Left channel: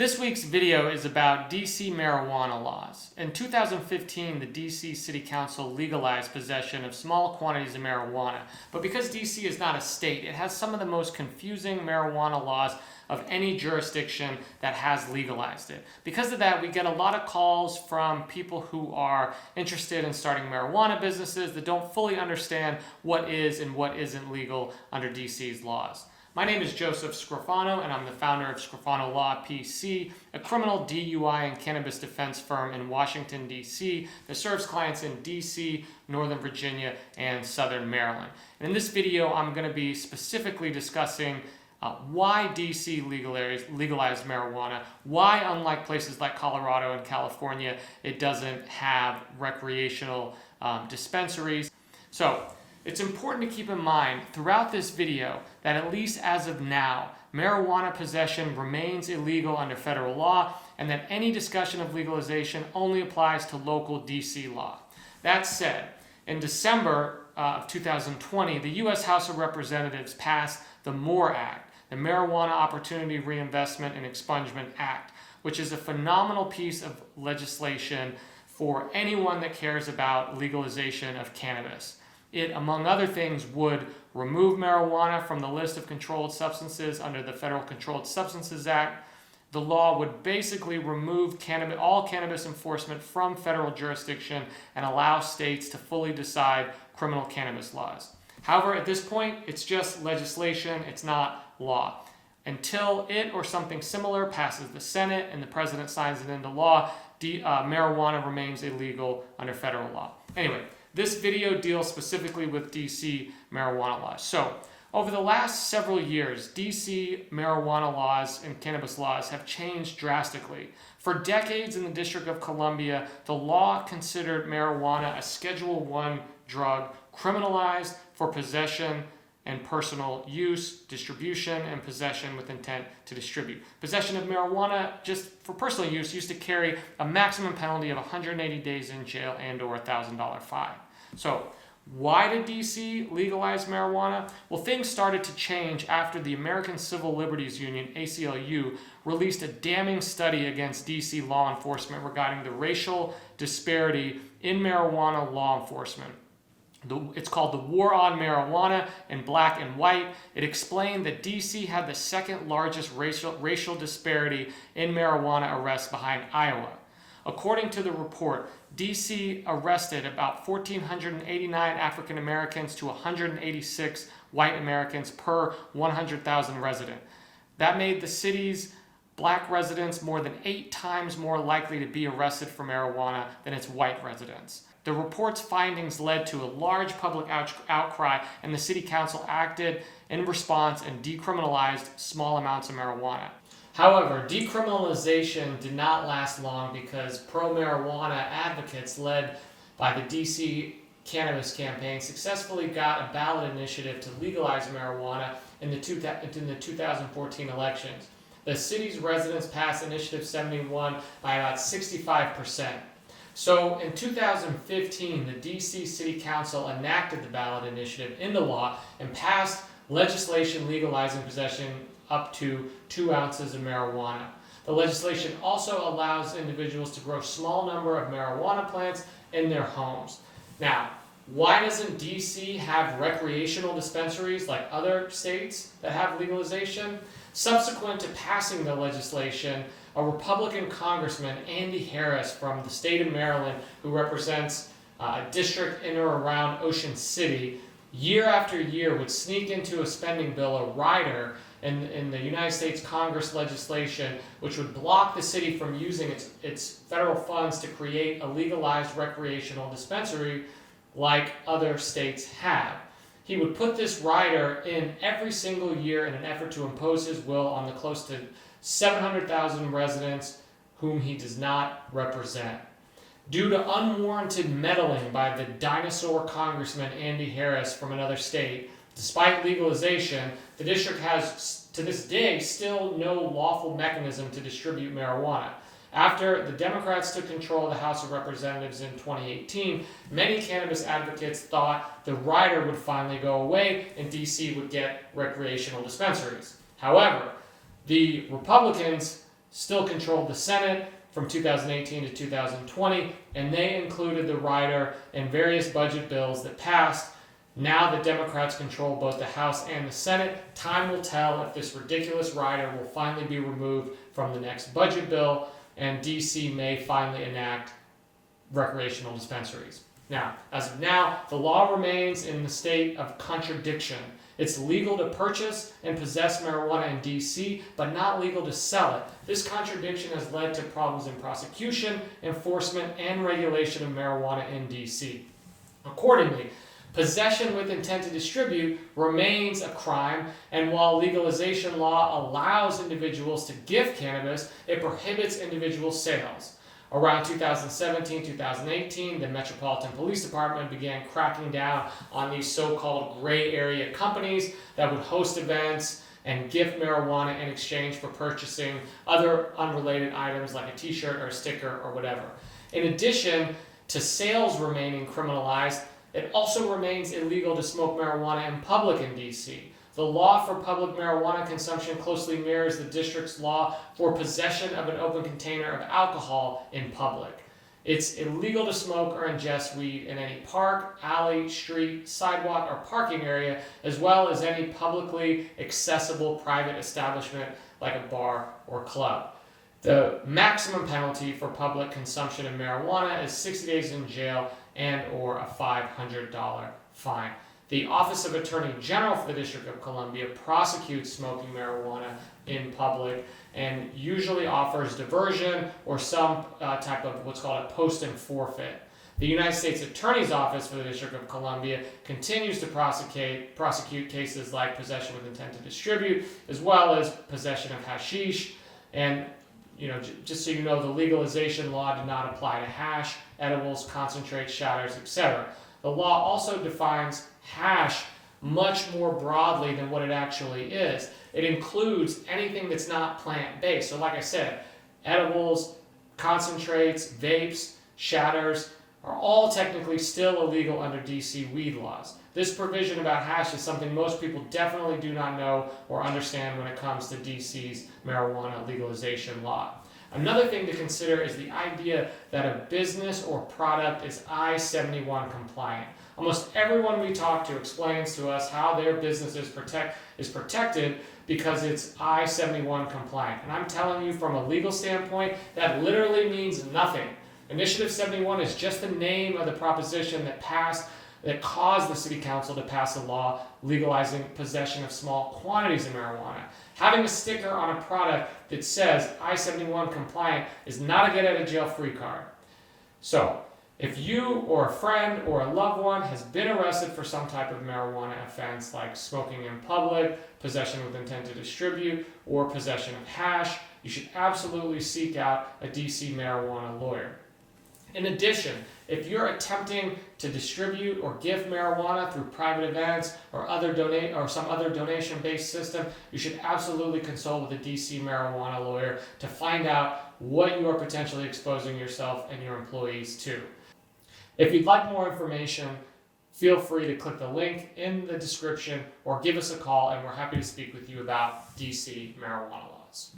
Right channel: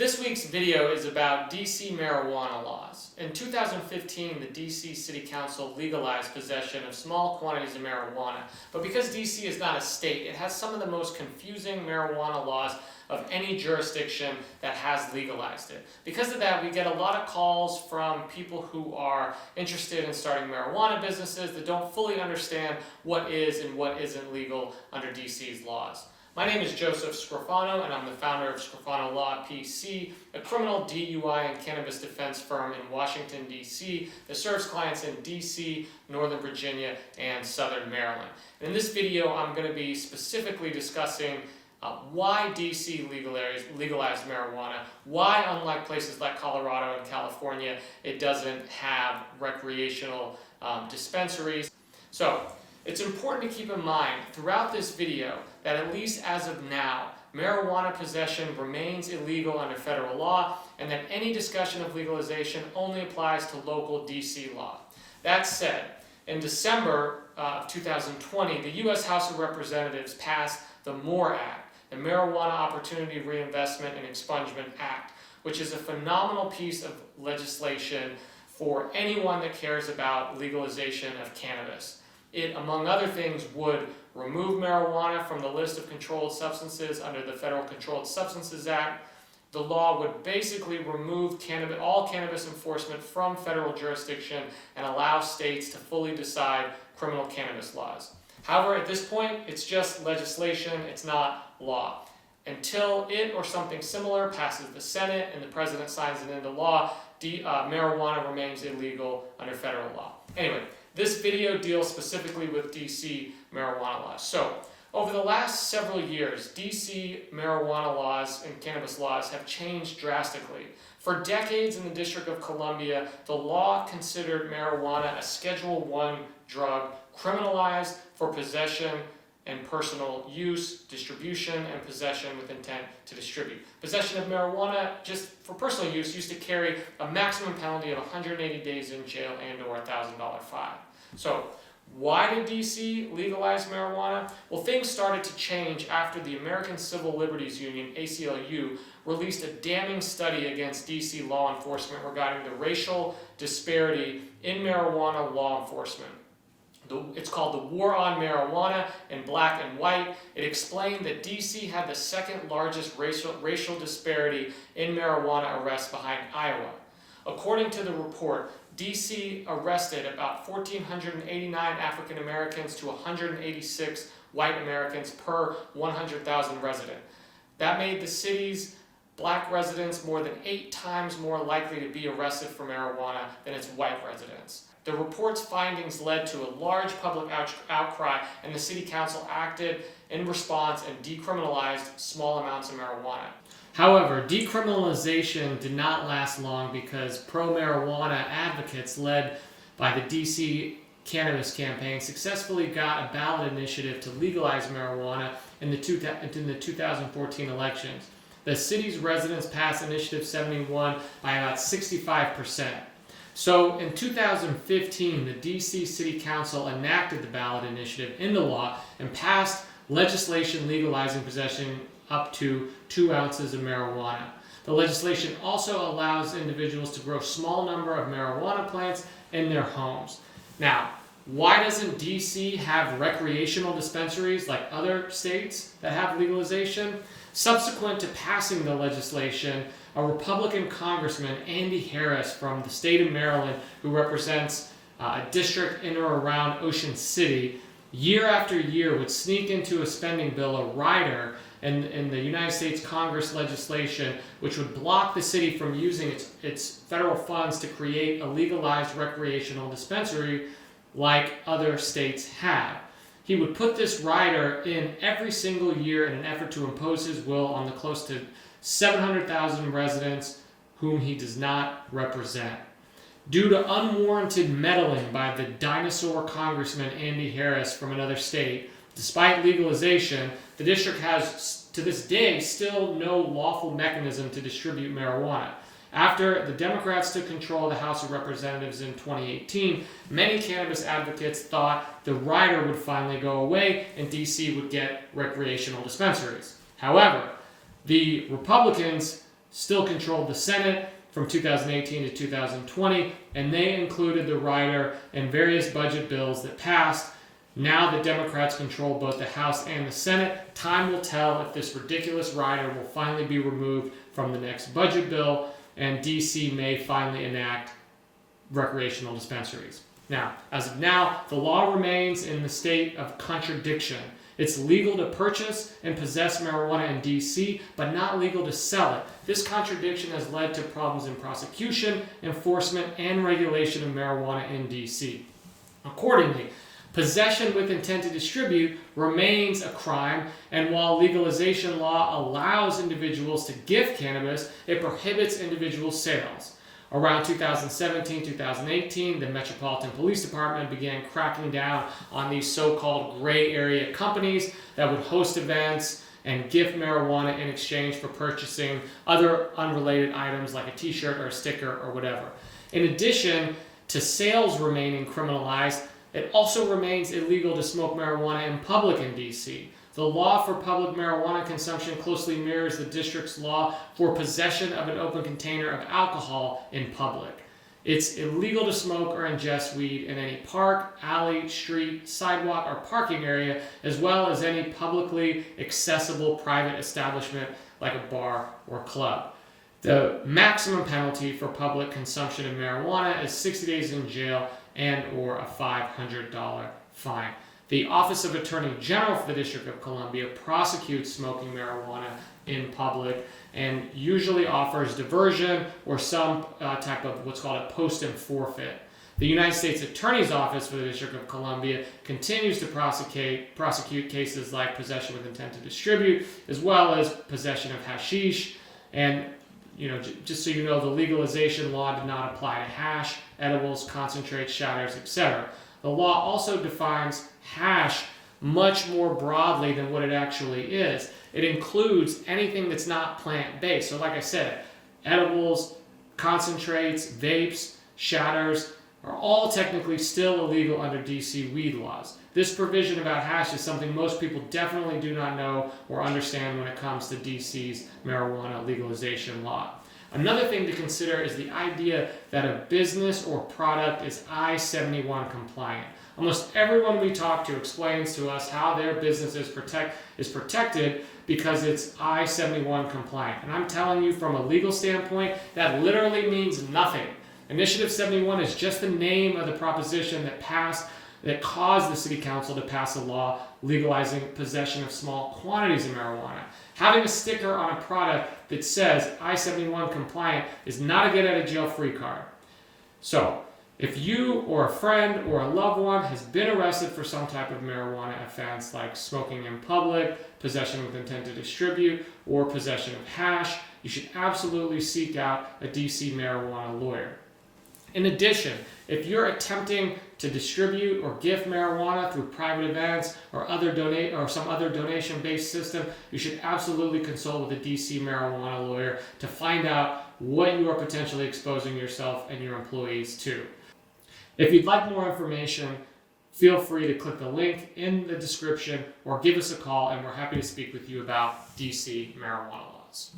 This week's video is about DC marijuana laws. In 2015, the DC City Council legalized possession of small quantities of marijuana, but because DC is not a state, it has some of the most confusing marijuana laws of any jurisdiction that has legalized it. Because of that, we get a lot of calls from people who are interested in starting marijuana businesses that don't fully understand what is and what isn't legal under DC's laws. My name is Joseph Scrofano, and I'm the founder of Scrofano Law PC, a criminal DUI and cannabis defense firm in Washington, D.C. that serves clients in D.C., Northern Virginia, and Southern Maryland. And in this video, I'm going to be specifically discussing why DC legalized marijuana, why, unlike places like Colorado and California, it doesn't have recreational dispensaries. So, it's important to keep in mind throughout this video that at least as of now, marijuana possession remains illegal under federal law, and that any discussion of legalization only applies to local DC law. That said, in December of 2020, the U.S. House of Representatives passed the MORE Act, the Marijuana Opportunity Reinvestment and Expungement Act, which is a phenomenal piece of legislation for anyone that cares about legalization of cannabis. It, among other things, would remove marijuana from the list of controlled substances under the Federal Controlled Substances Act. The law would basically remove all cannabis enforcement from federal jurisdiction and allow states to fully decide criminal cannabis laws. However, at this point, it's just legislation, it's not law. Until it or something similar passes the Senate and the President signs it into law, marijuana remains illegal under federal law. Anyway, this video deals specifically with DC marijuana laws. So, over the last several years, DC marijuana laws and cannabis laws have changed drastically. For decades in the District of Columbia, the law considered marijuana a Schedule I drug, criminalized for possession and personal use, distribution, and possession with intent to distribute. Possession of marijuana, just for personal use, used to carry a maximum penalty of 180 days in jail and or a $1,000 fine. So, why did DC legalize marijuana? Well, things started to change after the American Civil Liberties Union, ACLU, released a damning study against DC law enforcement regarding the racial disparity in marijuana law enforcement. It's called The War on Marijuana in Black and White. It explained that DC had the second largest racial disparity in marijuana arrests behind Iowa. According to the report, DC arrested about 1,489 African Americans to 186 white Americans per 100,000 residents. That made the city's black residents more than 8 times more likely to be arrested for marijuana than its white residents. The report's findings led to a large public outcry, and the City Council acted in response and decriminalized small amounts of marijuana. However, decriminalization did not last long because pro-marijuana advocates led by the DC Cannabis campaign successfully got a ballot initiative to legalize marijuana in the 2014 elections. The city's residents passed Initiative 71 by about 65%. So in 2015, the DC City Council enacted the ballot initiative into law and passed legislation legalizing possession up to 2 ounces of marijuana. The legislation also allows individuals to grow a small number of marijuana plants in their homes. Now, why doesn't DC have recreational dispensaries like other states that have legalization? Subsequent to passing the legislation, a Republican Congressman, Andy Harris from the state of Maryland, who represents a district in or around Ocean City, year after year would sneak into a spending bill a rider in the United States Congress legislation which would block the city from using its federal funds to create a legalized recreational dispensary like other states have. He would put this rider in every single year in an effort to impose his will on the close to 700,000 residents whom he does not represent. Due to unwarranted meddling by the dinosaur Congressman Andy Harris from another state, despite legalization, the district has, to this day, still no lawful mechanism to distribute marijuana. After the Democrats took control of the House of Representatives in 2018, many cannabis advocates thought the rider would finally go away and DC would get recreational dispensaries. However, the Republicans still controlled the Senate from 2018 to 2020, and they included the rider in various budget bills that passed. Now the Democrats control both the House and the Senate. Time will tell if this ridiculous rider will finally be removed from the next budget bill, and DC may finally enact recreational dispensaries. Now, as of now, the law remains in the state of contradiction. It's legal to purchase and possess marijuana in DC, but not legal to sell it. This contradiction has led to problems in prosecution, enforcement, and regulation of marijuana in DC. Accordingly, possession with intent to distribute remains a crime, and while legalization law allows individuals to gift cannabis, it prohibits individual sales. Around 2017-2018, the Metropolitan Police Department began cracking down on these so-called gray area companies that would host events and gift marijuana in exchange for purchasing other unrelated items like a t-shirt or a sticker or whatever. In addition to sales remaining criminalized, it also remains illegal to smoke marijuana in public in DC. The law for public marijuana consumption closely mirrors the district's law for possession of an open container of alcohol in public. It's illegal to smoke or ingest weed in any park, alley, street, sidewalk, or parking area, as well as any publicly accessible private establishment like a bar or club. The maximum penalty for public consumption of marijuana is 60 days in jail and or a $500 fine. The Office of Attorney General for the District of Columbia prosecutes smoking marijuana in public and usually offers diversion or some type of what's called a post and forfeit. The United States Attorney's Office for the District of Columbia continues to prosecute cases like possession with intent to distribute, as well as possession of hashish. And just so you know, the legalization law did not apply to hash, edibles, concentrates, shouters, etc. The law also defines hash much more broadly than what it actually is. It includes anything that's not plant-based. So like I said, edibles, concentrates, vapes, shatters are all technically still illegal under DC weed laws. This provision about hash is something most people definitely do not know or understand when it comes to DC's marijuana legalization law. Another thing to consider is the idea that a business or product is I-71 compliant. Almost everyone we talk to explains to us how their business is protected because it's I-71 compliant. And I'm telling you from a legal standpoint, that literally means nothing. Initiative 71 is just the name of the proposition that caused the City Council to pass a law legalizing possession of small quantities of marijuana. Having a sticker on a product that says I-71 compliant is not a get-out-of-jail-free card. So, if you or a friend or a loved one has been arrested for some type of marijuana offense like smoking in public, possession with intent to distribute, or possession of hash, you should absolutely seek out a DC marijuana lawyer. In addition, if you're attempting to distribute or gift marijuana through private events or some other donation-based system, you should absolutely consult with a DC marijuana lawyer to find out what you are potentially exposing yourself and your employees to. If you'd like more information, feel free to click the link in the description or give us a call, and we're happy to speak with you about DC marijuana laws.